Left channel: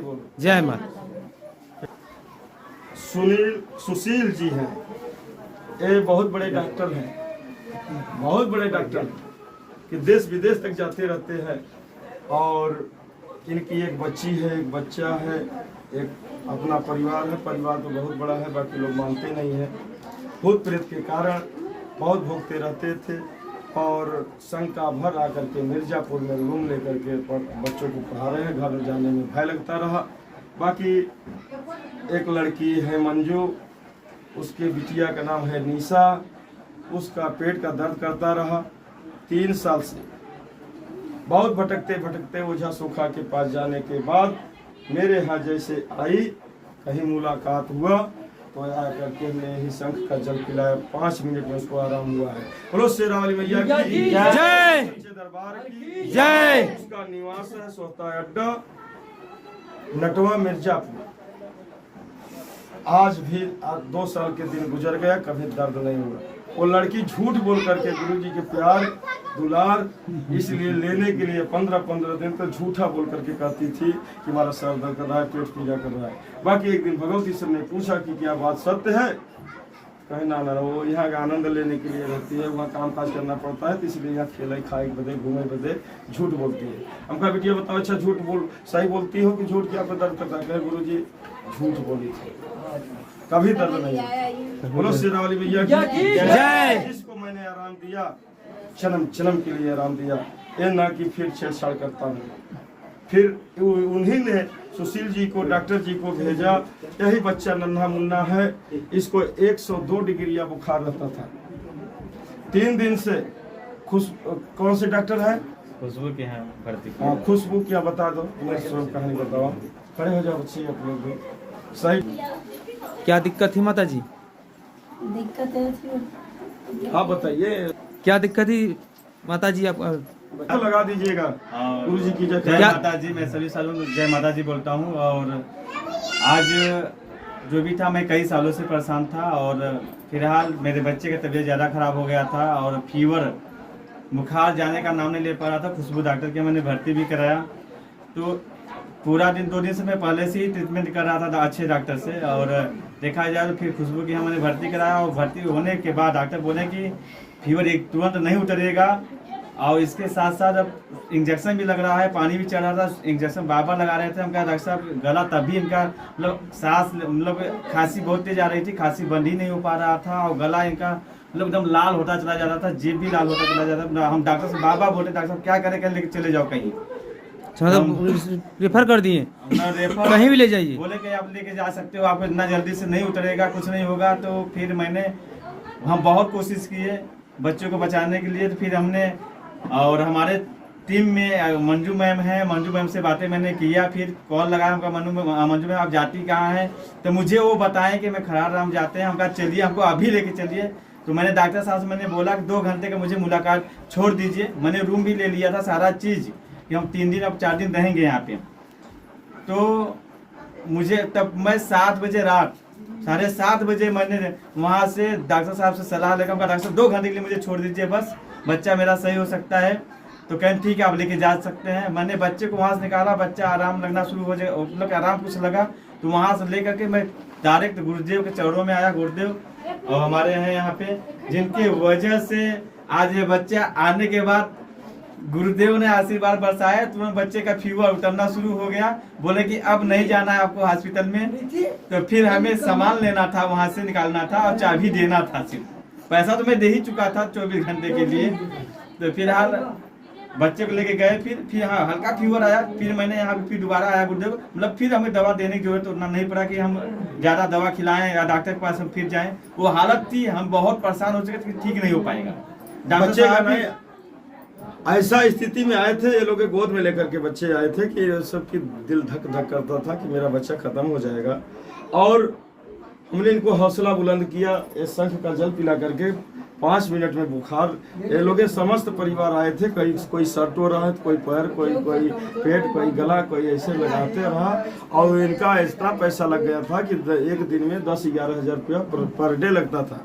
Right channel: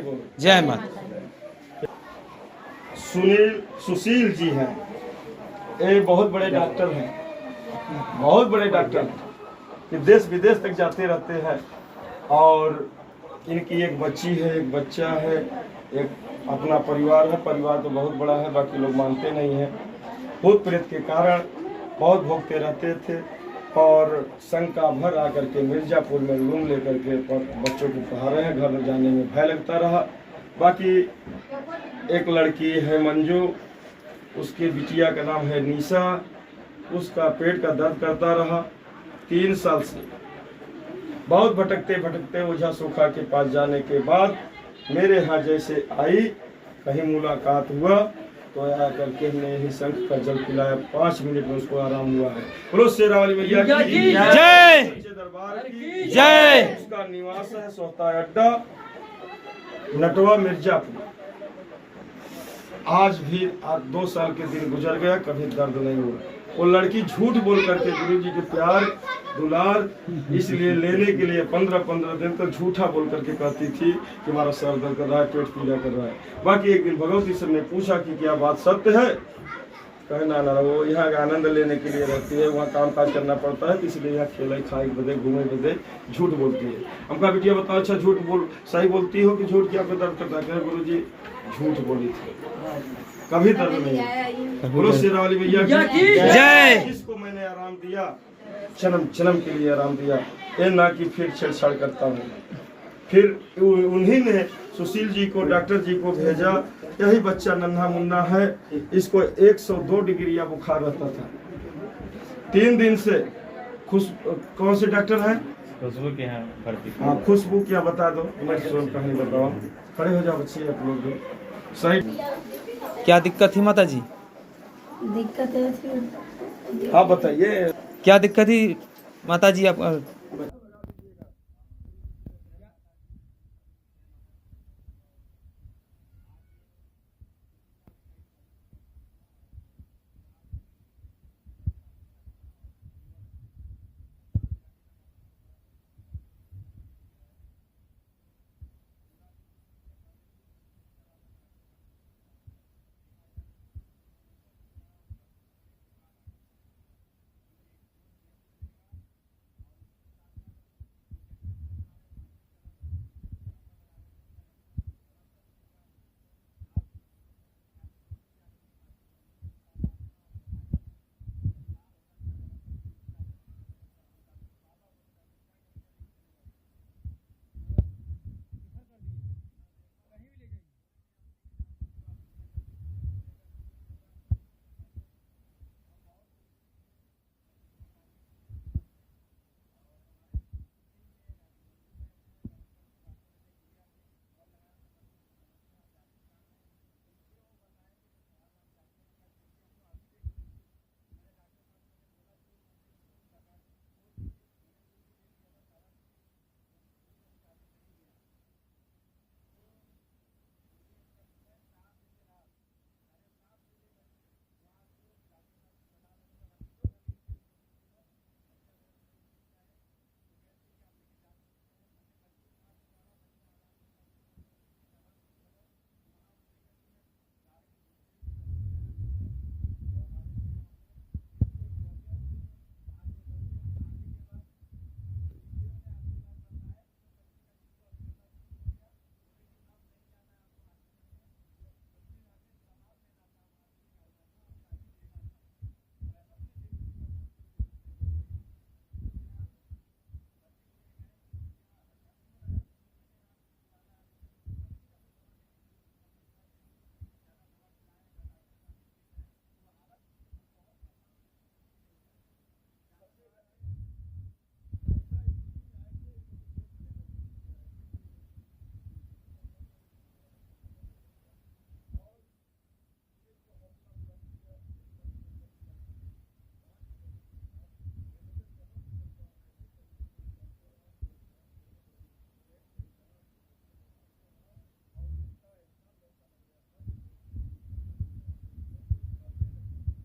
बोलो। जय माता। सुशील जी हैं, ये बहुत बड़े डॉक्टर हैं, बहुत बड़े डॉक्टर हैं कि देश विदेश तक जाते रहते हैं। और इनकी एक बच्ची है, एक बच्चा है, एक अपना परिवार है। परिवार तो बहुत बड़ा है, बाकी लोग मानते नहीं हैं। भूत प्रेत के कारण बहुत भोगते रहते थे और शंका भर आकर के मिर्जापुर में रूम लेकर के बच्चों को पढ़ा रहे हैं। घर में जाने में भय लगता रहा। बाकी एक लड़की है मंजू, उसके बिटिया का नाम है निशा, उसका पेट का दर्द करता रहा 3 साल से। बहुत भटकते भटकते ओझा सोखा के पास जाने के बाद मेरे यहाँ जैसे आई, कहीं मुलाकात हुआ तो आकर के हमने यही शंख का जल पिलाया। 5 मिनट में उसको आराम हुआ है। बोलो शेरा वाली मैया की जय, दरबार की जय। उसका निवास है सोहता अड्डा, नटवा, मिर्जापुर। आज भी 2 साल के दिन गुजर गया, कभी दर्द नहीं हुआ। वो लड़की झूठ बोल करके गुरुजी के प्यार दुलार इसलिए लेने के लिए 15-15 दिन तक झूठा बोल करके कहती थी कि हमारा सर दर्द कर रहा है, पेट पूजा कर रहा है। बाकी एक दिन भगवती सर ने पूछा कि क्या बात सत्य है? कहे ना वो यहाँ का आनंद लेने के लिए रहती है, वहाँ काम काज करना पड़ता है, इसलिए यहाँ खेले खाए बदे घूमे बदे झूठ बोलती है। हमका बेटिया बताओ, अच्छा झूठ बोल सही बोलती हो कि झूठ क्या दर्द करता है? गुरु जी झूठ बोली थी, कभी दर्द नहीं। बोलो शेरा वाली मैया की जय। जिसको मैंने आराम दिया, जन्म जन्म के लिए आराम दिया, ये ना कि फिर छेड़छाड़ करता हूँ। फिर उन्हीं ने सुशील जी को, डॉक्टर जी को भेजा। यही बच्चा नन्हा मुन्ना है, इसको 102 डिग्री या बुखार रहता था 3 दिन से। कौन से डॉक्टर है? खुशबू के यहाँ भर्ती। हाँ, खुशबू क्या बता दो, मैं कहानी बताओ। खड़े हो जाओ बच्चे आप लोग भी। सही क्या दिक्कत थी माता जी? दिक्कत है, आप बताइए क्या दिक्कत थी माता जी? आप लगा दीजिएगा। गुरु जी की जय। जय माता जी। मैं सभी सालों में जय माता जी बोलता हूँ। और आज जो भी था, मैं कई सालों से परेशान था और फिलहाल मेरे बच्चे का तबीयत ज़्यादा ख़राब हो गया था और फीवर, बुखार जाने का नाम नहीं ले पा रहा था। खुशबू डॉक्टर के मैंने भर्ती भी कराया, तो पूरा दिन 2 दिन से मैं पहले से ही ट्रीटमेंट कर रहा था अच्छे डॉक्टर से। और देखा जाए तो फिर खुशबू की मैंने भर्ती कराया और भर्ती होने के बाद डॉक्टर बोले कि फीवर एक तुरंत नहीं उतरेगा और इसके साथ साथ अब इंजेक्शन भी लग रहा है, पानी भी चढ़ रहा था, इंजेक्शन बार बार लगा रहे थे। हम कहा डॉक्टर साहब गला तभी इनका मतलब सांस मतलब खांसी बहुत तेज आ रही थी, खांसी बंद ही नहीं हो पा रहा था और गला इनका मतलब एकदम लाल होता चला जा रहा था, जीभ भी लाल होता चला जाता था। हम डॉक्टर से बार बार बोलते डॉक्टर साहब क्या करें, क्या लेके चले जाओ कहीं। मतलब रेफर कर दिए? रेफर कहीं भी ले जाइए। बोले कि आप लेके जा सकते हो, आपको इतना जल्दी से नहीं उतरेगा, कुछ नहीं होगा। तो फिर हम बहुत कोशिश किए बच्चों को बचाने के लिए। तो फिर हमने और हमारे टीम में मंजू मैम है, मंजू मैम से बातें मैंने किया, फिर कॉल लगाया। हमका मंजू मैम आप जाती कहाँ हैं? तो मुझे वो बताएं कि मैं खरार राम जाते हैं। हमका चलिए, हमको अभी लेके चलिए। तो मैंने डॉक्टर साहब से मैंने बोला कि 2 घंटे का मुझे मुलाकात छोड़ दीजिए। मैंने रूम भी ले लिया था, सारा चीज़ कि हम 3 दिन अब 4 दिन रहेंगे यहाँ पे। तो मुझे तब मैं 7 बजे रात 7:30 बजे मैंने वहाँ से डॉक्टर साहब से सलाह लेकर डॉक्टर साहब 2 घंटे के लिए मुझे छोड़ दीजिए, बस बच्चा मेरा सही हो सकता है। तो कहें ठीक है आप लेके जा सकते हैं। मैंने बच्चे को वहाँ से निकाला, बच्चा आराम लगना शुरू हो जाए, मतलब आराम कुछ लगा। तो वहाँ से लेकर के मैं डायरेक्ट गुरुदेव के चरणों में आया। गुरुदेव और हमारे हैं यहाँ पे, जिनकी वजह से आज ये बच्चा आने के बाद गुरुदेव ने आशीर्वाद बरसाया, तुरंत बच्चे का फीवर उतरना शुरू हो गया। बोले कि अब नहीं जाना है आपको हॉस्पिटल में। तो फिर हमें सामान लेना था, वहाँ से निकालना था और चाबी देना था। सिर्फ पैसा तो मैं दे ही चुका था 24 घंटे के लिए। तो फिलहाल बच्चे को लेके गए, फिर हाँ हल्का फीवर आया। फिर मैंने यहाँ पे फिर दोबारा आया गुरुदेव, मतलब फिर हमें दवा देने की जरूरत उतना नहीं पड़ा कि हम ज़्यादा दवा खिलाएं या डॉक्टर के पास हम फिर जाएं। वो हालत थी, हम बहुत परेशान हो चुके थे कि ठीक नहीं हो पाएगा। बच्चे का नहीं ऐसा स्थिति में आए थे, ये लोग गोद में लेकर के बच्चे आए थे कि सबकी दिल धक धक करता था कि मेरा बच्चा खत्म हो जाएगा। और हमने इनको हौसला बुलंद किया, ये शंख का जल पिला करके 5 मिनट में बुखार। ये लोग समस्त परिवार आए थे, कोई शर्टो रहा, कोई पैर, कोई पेट, कोई गला, कोई ऐसे लगाते रहा। और इनका एक्स्ट्रा पैसा लग गया था कि एक दिन में 10-11 हज़ार रुपया पर डे लगता था।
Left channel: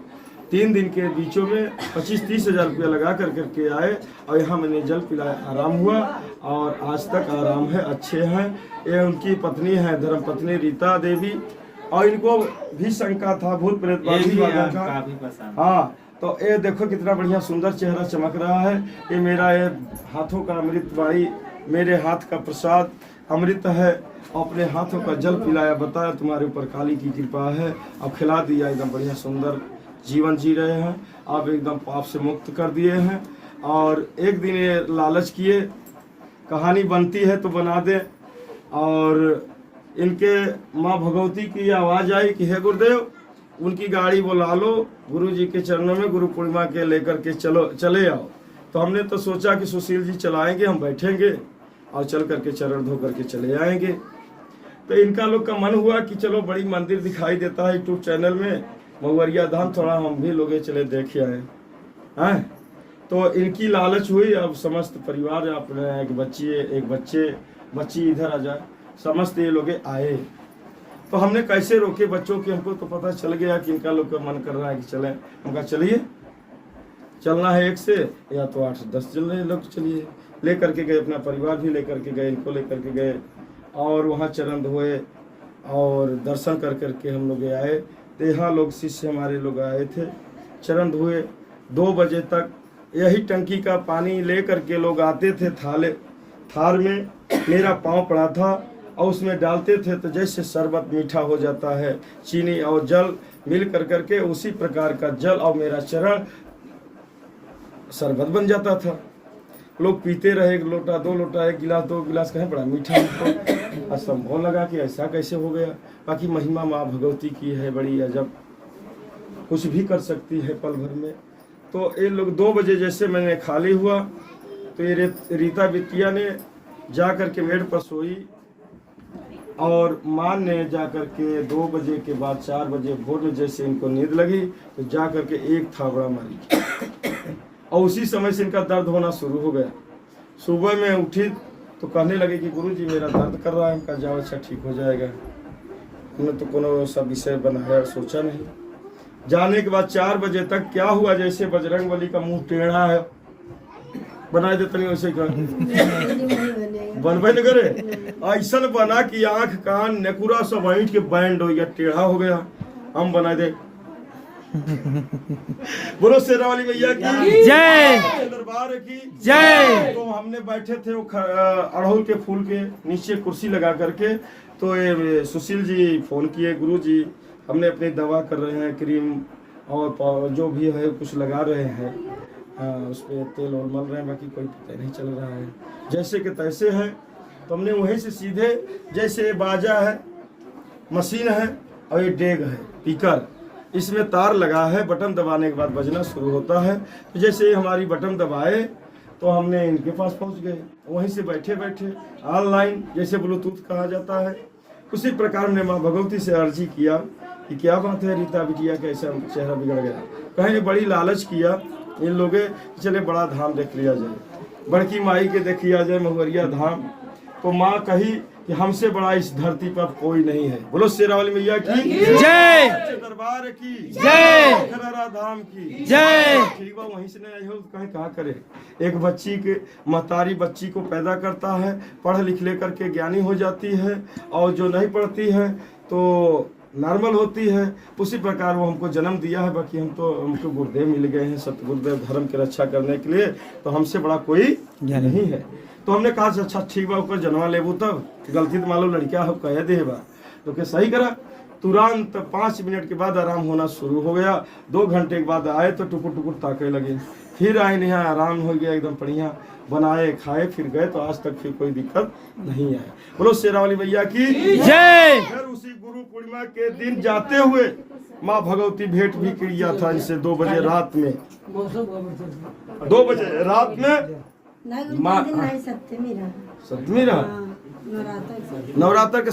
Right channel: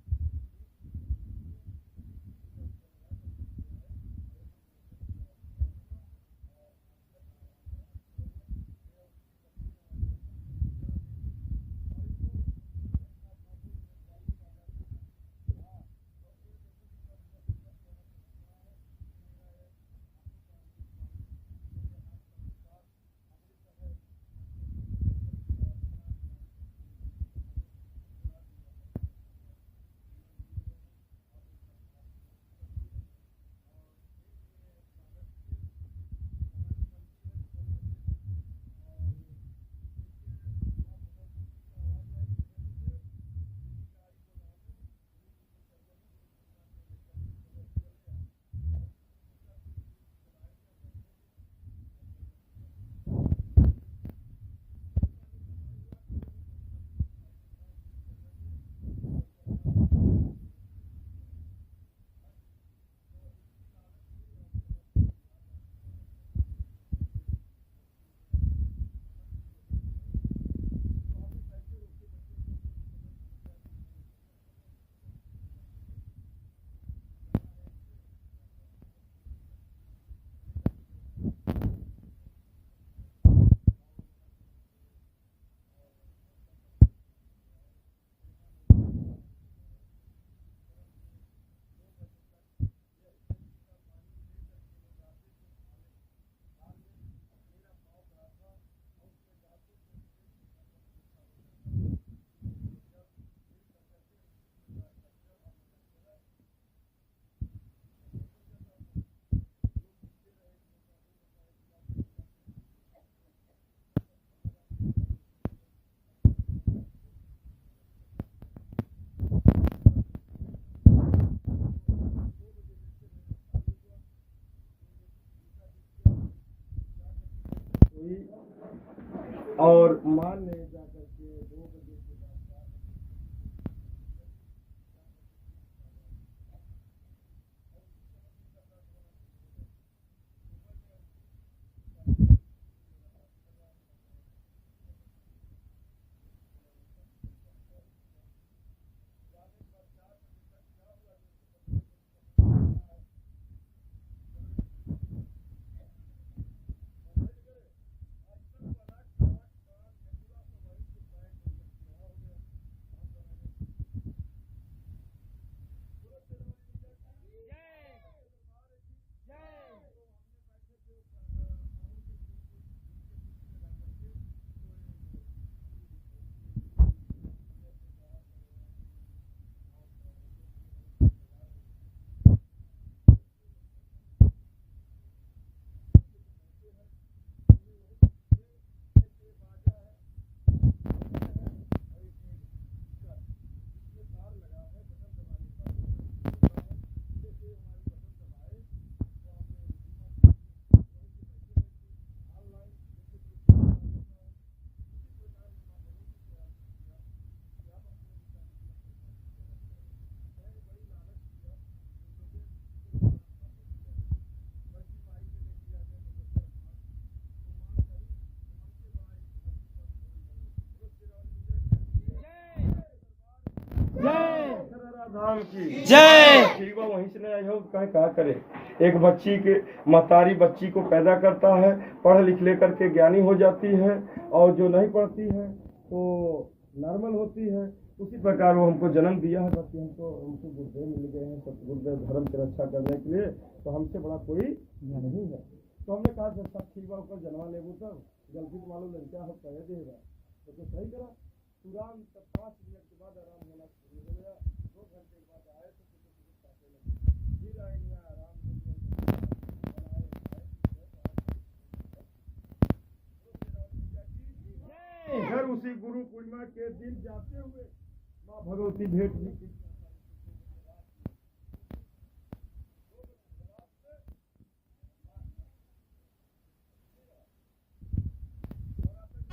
3 दिन के बीचों में 25-30 हज़ार रुपया लगा करके आए और यहाँ मैंने जल पिलाया, आराम हुआ और आज तक आराम है, अच्छे हैं। ये उनकी पत्नी है धर्मपत्नी रीता देवी, और इनको भी शंका था भूत प्रेत ये वाला का। काफी पसंद। हाँ, तो ये देखो कितना बढ़िया सुंदर चेहरा चमक रहा है। ये मेरा ये हाथों का अमृत वाणी, मेरे हाथ का प्रसाद अमृत है। अपने हाथों का जल पिलाया, बताया तुम्हारे ऊपर काली की कृपा है, अब खिला दिया, एकदम बढ़िया सुंदर जीवन जी रहे हैं। आप एकदम पाप से मुक्त कर दिए हैं। और एक दिन ये लालच किए, कहानी बनती है तो बना दे। और इनके माँ भगवती की आवाज़ आई कि हे गुरुदेव, उनकी गाड़ी बुला लो, गुरु जी के चरणों में गुरु पूर्णिमा के लेकर के चले आओ। तो हमने तो सोचा कि सुशील जी चलाएंगे, हम बैठेंगे और चल करके चरण धो करके चले आएंगे। तो इनका लोग का मन हुआ कि चलो बड़ी मंदिर दिखाई देता है यूट्यूब चैनल में, महुवरिया धाम, थोड़ा हम भी लोग चले देखे आए हैं। तो इनकी लालच हुई। अब समस्त परिवार अपने एक बच्ची इधर आ जाए, समस्त ये लोग आए। तो हमने कैसे रोके बच्चों की, हमको तो पता चल गया कि इनका लोग का मन कर रहा है कि चलें। उनका चलिए, चलना है 1 से या तो 8-10 चल रहे लोग, चलिए। ले करके गए, अपना परिवार भी ले करके गए, इनको ले करके गए और वहाँ चरण धोए और दर्शन कर करके हम लोग आए। तो यहाँ लोग शिष्य हमारे लोग आए थे, चरण धोए। 2 बजे तक यही टंकी का पानी ले करके लोग आते थे, थार में मेरा पाँव पड़ा था और उसमें डालते थे तो जैसे शरबत मीठा हो जाता है, चीनी और जल मिल करके उसी प्रकार का जल और मेरा चरण शरबत बन जाता था। लोग पीते रहे, 1 लोटा 2 लोटा, 1 गिलास 2 गिलास, कहें बड़ा मीठा हमको असंभव लगा कि ऐसा कैसे हो गया। बाकी महिमा माँ भगवती की है बड़ी अजब, कुछ भी कर सकती है पल भर में। तो ये लोग 2 बजे जैसे मैंने खाली हुआ तो ये रीता बिटिया ने जा कर के मेड पर सोई और माँ ने जा कर के 2 बजे के बाद 4 बजे भोर में जैसे इनको नींद लगी तो जा कर के एक थाबड़ा मारी और उसी समय से इनका दर्द होना शुरू हो गया। सुबह में उठी तो कहने लगे कि गुरुजी मेरा दर्द कर रहा है। उनका जाओ, अच्छा ठीक हो जाएगा। हमने तो कोनो सा विषय बनाया सोचा नहीं। जाने के बाद 4 बजे तक क्या हुआ, जैसे बजरंगबली का मुंह टेढ़ा है, बनाए देते नहीं वैसे बनबे न करे, ऐसा बना कि आंख कान नेकुरा सब ऐंठ के बैंड हो गया, टेढ़ा हो गया। हम बनाए दे। बोलो शेरा वाली मैया की जय, दरबार की जय। तो हमने बैठे थे वो अड़हुल के फूल के नीचे कुर्सी लगा करके। तो ये सुशील जी फोन किए, गुरु जी हमने अपनी दवा कर रहे हैं, क्रीम और जो भी है कुछ लगा रहे हैं, उस पर तेल और मल रहे हैं, बाकी कोई पता नहीं चल रहा है, जैसे कि तैसे है। तो हमने वहीं से सीधे, जैसे बाजा है, मशीन है और ये डेग है पीकर, इसमें तार लगा है, बटन दबाने के बाद बजना शुरू होता है। तो जैसे हमारी बटन दबाए तो हमने इनके पास पहुंच गए, वहीं से बैठे बैठे ऑनलाइन, जैसे ब्लूटूथ कहा जाता है, उसी प्रकार हमने माँ भगवती से अर्जी किया कि क्या बात है रीता बिटिया का ऐसा चेहरा बिगड़ गया। कहीं बड़ी लालच किया इन लोगे, चले बड़ा धाम देख लिया जाए, बड़की माई के देख लिया जाए महुवरिया धाम। तो माँ कही कि हमसे बड़ा इस धरती पर कोई नहीं है। बोलो शेरा वाली मैया की जय, दरबार की जय, खरारा धाम की जय। ठीक बा, वहीं से नहीं आई हो कहीं कहा करे। एक बच्ची के महतारी बच्ची को पैदा करता है, पढ़ लिख लेकर के ज्ञानी हो जाती है, और जो नहीं पढ़ती है तो नॉर्मल होती है। उसी प्रकार वो हमको जन्म दिया है। बाकी हमको गुरुदेव मिल गए हैं सतगुरुदेव धर्म की रक्षा करने के लिए, तो हमसे बड़ा कोई नहीं है। तो हमने कहा अच्छा ठीक बा, ऊपर जनवा लेबू, तब गलती तो मालूम लड़किया हो कह दे बा, तो क्या सही करा। तुरंत 5 मिनट के बाद आराम होना शुरू हो गया। 2 घंटे के बाद आए तो टुकुर टुकुर ताके लगे, फिर आए नहीं, आराम हो गया एकदम बढ़िया, बनाए खाए फिर गए। तो आज तक फिर कोई दिक्कत नहीं है। बोलो शेरा वाली भैया की जय। फिर उसी गुरु पूर्णिमा के दिन जाते हुए माँ भगवती भेंट भी किया था इनसे 2 बजे रात में, 2 बजे रात में माँ सप्तमी रहा, नवरात्र के